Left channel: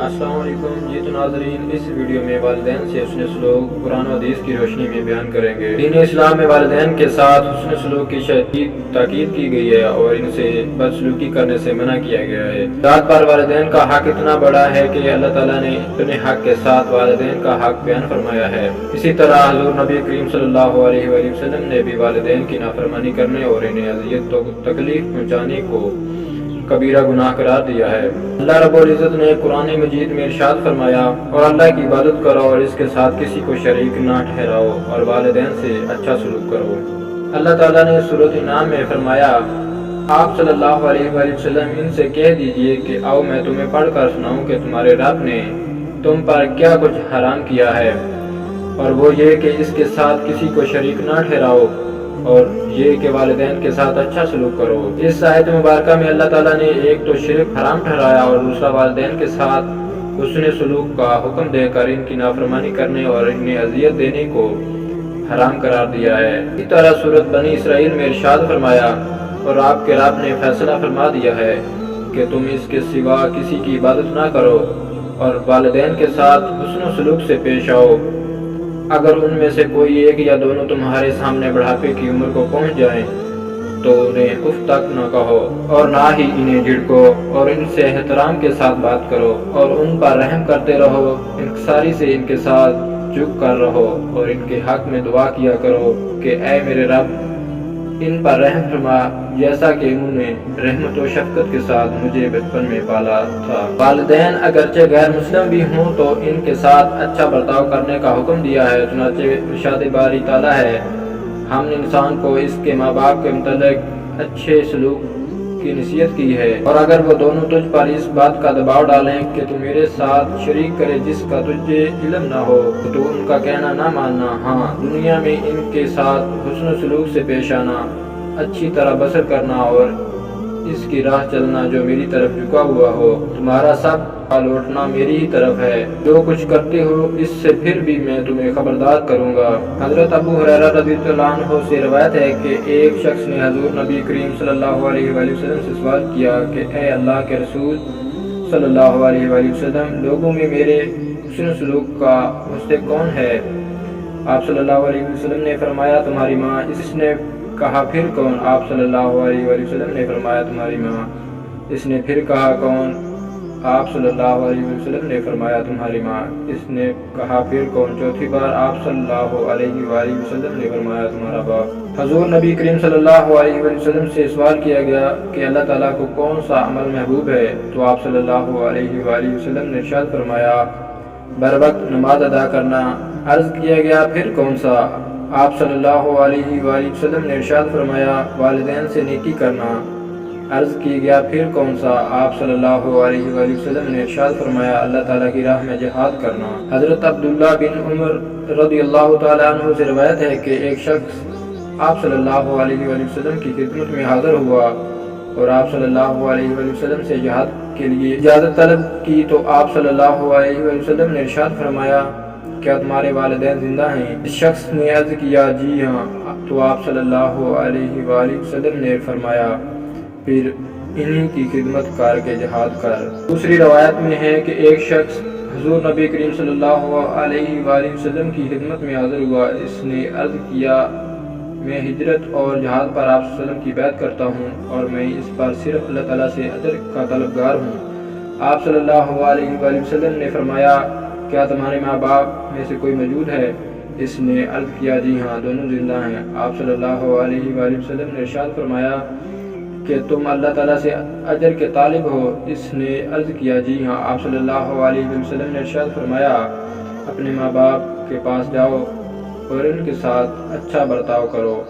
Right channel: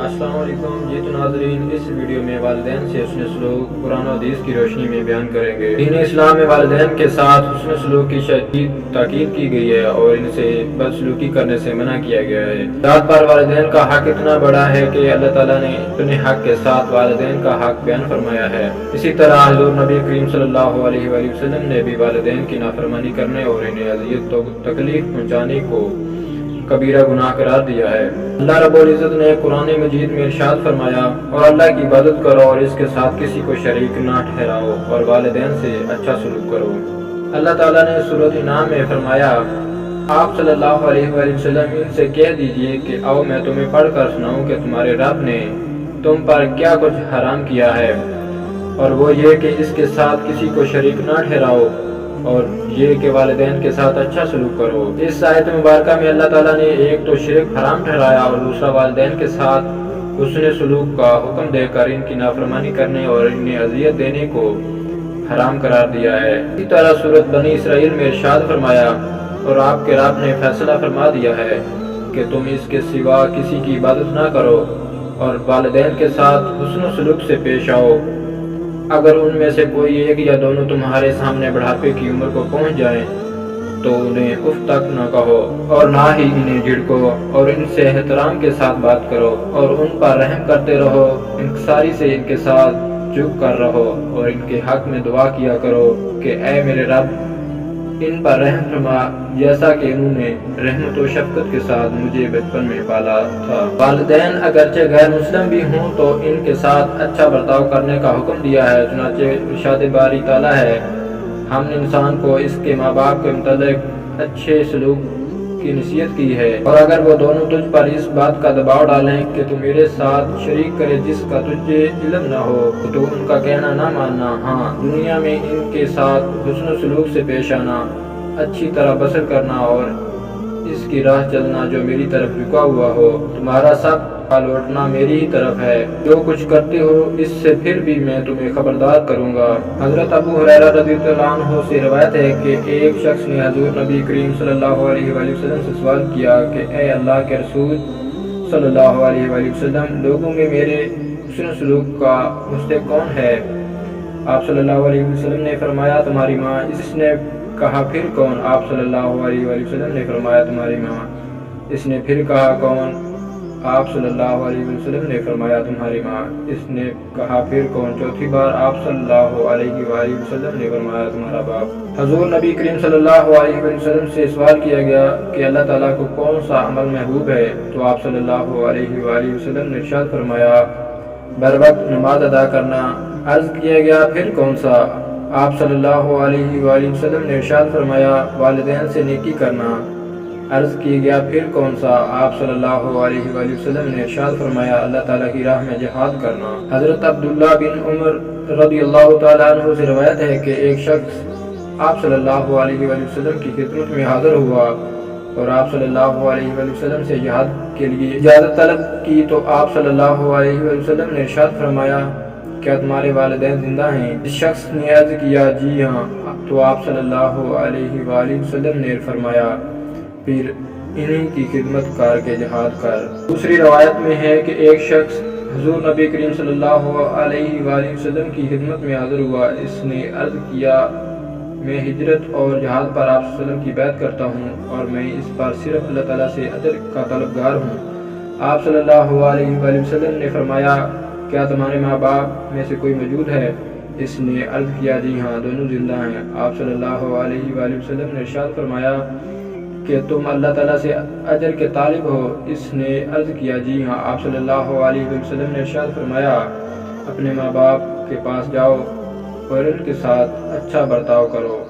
السلام علیکم جی تو ناظرین، اس ویڈیو میں والدین سے حسن سلوک قرآن و حدیث کی روشنی میں بیان کریں گے۔ دین اسلام میں والدین کے ساتھ حسن سلوک کی شدید تاکید کی گئی ہے اور ان سے بدسلوکی کرنے سے منع کیا گیا ہے۔ ذات پر والدین کا حق اتنا بڑا ہے کہ اللہ تعالیٰ نے اپنے حق کے ساتھ والدین کا حق بیان فرمایا ہے۔ اسی طرح حضور نبی کریم صلی اللہ علیہ وآلہ وسلم نے بھی والدین کی نافرمانی کرنے اور انہیں اذیت و تکلیف پہنچانے کو کبیرہ گناہ قرار دیا ہے۔ اللہ رب العزت نے قرآن مجید میں ارشاد فرمایا، اور اللہ کی عبادت کرو اور اس کے ساتھ کسی کو شریک نہ ٹھہراؤ اور والدین سے اچھا سلوک کرو۔ اللہ تعالیٰ نے سورۃ انعام میں فرمایا، آپ صلی اللہ علیہ وآلہ وسلم ان سے کہہ دیجئے کہ آؤ میں تمہیں پڑھ کر سناؤں کہ تمہارے رب نے تم پر کیا کچھ حرام کیا ہے، اور وہ یہ کہ اس کے ساتھ کسی کو شریک نہ ٹھہراؤ اور یہ کہ والدین کے ساتھ اچھا سلوک کرو۔ اس آیت مبارکہ میں اللہ تعالیٰ نے ایک تو شرک حرام ٹھہرایا اور دوسرا والدین کے ساتھ حسن سلوک کا حکم دے کر ان کی نافرمانی کرنے اور انہیں اذیت دینے کو حرام قرار دیا ہے۔ اسی طرح سورۃ بنی اسرائیل میں ارشاد فرمایا، اور آپ کے رب نے فیصلہ فرما دیا ہے کہ تم اس کے سوا کسی کی عبادت نہ کرو اور والدین کے ساتھ حسن و سلوک سے پیش آؤ۔ اگر ان میں سے کوئی ایک یا دونوں تمہارے سامنے بڑھاپے کی عمر کو پہنچ جائیں تو انہیں اف تک نہ کہو اور نہ ہی انہیں جھڑکو، اور ان سے احترام کے ساتھ بات کرو اور ان پر رحم کرتے رہو، انکساری سے ان کے ساتھ جھک کر رہو اور ان کے حق میں دعا کیا کرو کہ اے میرے رب ان پر رحم فرما جیسا کہ انہوں نے رحمت و شفقت کے ساتھ مجھے بچپن میں پالا تھا۔ والدین اگرچہ غیر مسلم بھی ہوں تو ان کے ساتھ اچھا برتاؤ کرنے کا حکم دیا ہے۔ چنانچہ ارشاد باری تعالیٰ ہے، ہم نے انسان کو اس کے ماں باپ کے متعلق اچھے سلوک کی نصیحت کی ہے، اور اگر وہ دونوں تجھ پر اس بات کا دباؤ ڈالیں کہ تو میرے ساتھ شریک کرے جس کا تجھے علم نہ ہو تو ان کا کہنا نہ ماننا، ہاں دنیا میں ان کے ساتھ حسن و سلوک سے پیش آنا، اچھی طرح بسر کرنا اور اس کی راہ چلنا جو میری طرف جھکا ہوا ہو۔ تمہارا سب کا لوٹنا میری ہی طرف ہے، جو کچھ کرتے ہو اس سے پھر بھی میں تمہیں خبردار کروں گا۔ حضرت ابو ہریرہ رضی اللہ عنہ سے روایت ہے کہ ایک شخص نے حضور نبی کریم صلی اللہ علیہ وآلہ وسلم سے سوال کیا کہ اے اللہ کے رسول صلی اللہ علیہ وآلہ وسلم، لوگوں میں میرے حسن سلوک کا مستحق کون ہے؟ آپ صلی اللہ علیہ وسلم نے فرمایا تمہاری ماں۔ اس نے کہا پھر کون؟ آپ صلی اللہ علیہ وآلہ وسلم نے فرمایا تمہاری ماں۔ اس نے پھر کہا کون؟ آپ صلی اللہ علیہ وسلم نے فرمایا تمہاری ماں۔ اس نے کہا پھر کون؟ چوتھی بار آپ صلی اللہ علیہ وآلہ وسلم نے فرمایا تمہارا باپ۔ حضور نبی کریم صلی اللہ علیہ وآلہ وسلم سے سوال کیا گیا کہ اللہ تعالیٰ کو کون سا عمل محبوب ہے؟ تو آپ صلی اللہ علیہ وآلہ وسلم نے ارشاد فرمایا بر وقت نماز ادا کرنا۔ عرض کیا گیا پھر کون سا؟ آپ صلی اللہ علیہ وآلہ وسلم نے ارشاد فرمایا والدین سے نیکی کرنا۔ عرض کیا گیا پھر کون سا؟ آپ صلی اللہ علیہ وآلہ وسلم نے ارشاد فرمایا اللہ تعالیٰ کی راہ میں جہاد کرنا۔ حضرت عبداللہ بن عمر رضی اللہ تعالیٰ عنہ سے روایت ہے کہ ایک شخص آپ صلی اللہ علیہ وآلہ وسلم کی خدمت میں حاضر ہوا اور آپ صلی اللہ علیہ وآلہ وسلم سے جہاد کے لیے اجازت طلب کی تو آپ صلی اللہ علیہ وآلہ وسلم نے ارشاد فرمایا کیا تمہارے والدین زندہ ہیں؟ اس شخص نے عرض کیا جی ہاں، تو آپ صلی اللہ علیہ وآلہ وسلم نے فرمایا پھر انہی کی خدمت کر کے جہاد کر۔ دوسری روایت میں ہے کہ ایک شخص حضور نبی کریم صلی اللہ علیہ وآلہ وسلم کی خدمت میں حاضر ہوا۔ اس نے عرض کیا میں ہجرت اور جہاد پر آپ صلی اللہ علیہ وسلم کی بیعت کرتا ہوں اور میں اس پر صرف اللہ تعالیٰ سے اجر کا طلبگار ہوں۔ آپ صلی اللہ علیہ وآلہ وسلم نے فرمایا کیا تمہارے ماں باپ میں سے کوئی موجود ہے؟ اس نے عرض کیا جی ہاں دونوں زندہ ہیں۔ آپ صلی اللہ علیہ وآلہ وسلم نے ارشاد فرمایا کہ تم اللہ تعالیٰ سے اجر کے طالب ہو؟ اس نے عرض کیا جی ہاں۔ آپ صلی اللہ علیہ وسلم نے ارشاد فرمایا اپنے ماں باپ کے پاس جاؤ اور ان کے ساتھ اچھا برتاؤ کرو۔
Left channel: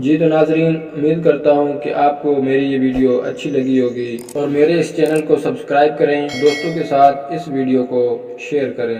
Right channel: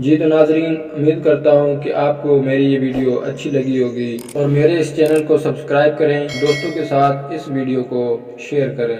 جی تو ناظرین، امید کرتا ہوں کہ آپ کو میری یہ ویڈیو اچھی لگی ہوگی اور میرے اس چینل کو سبسکرائب کریں، دوستوں کے ساتھ اس ویڈیو کو شیئر کریں۔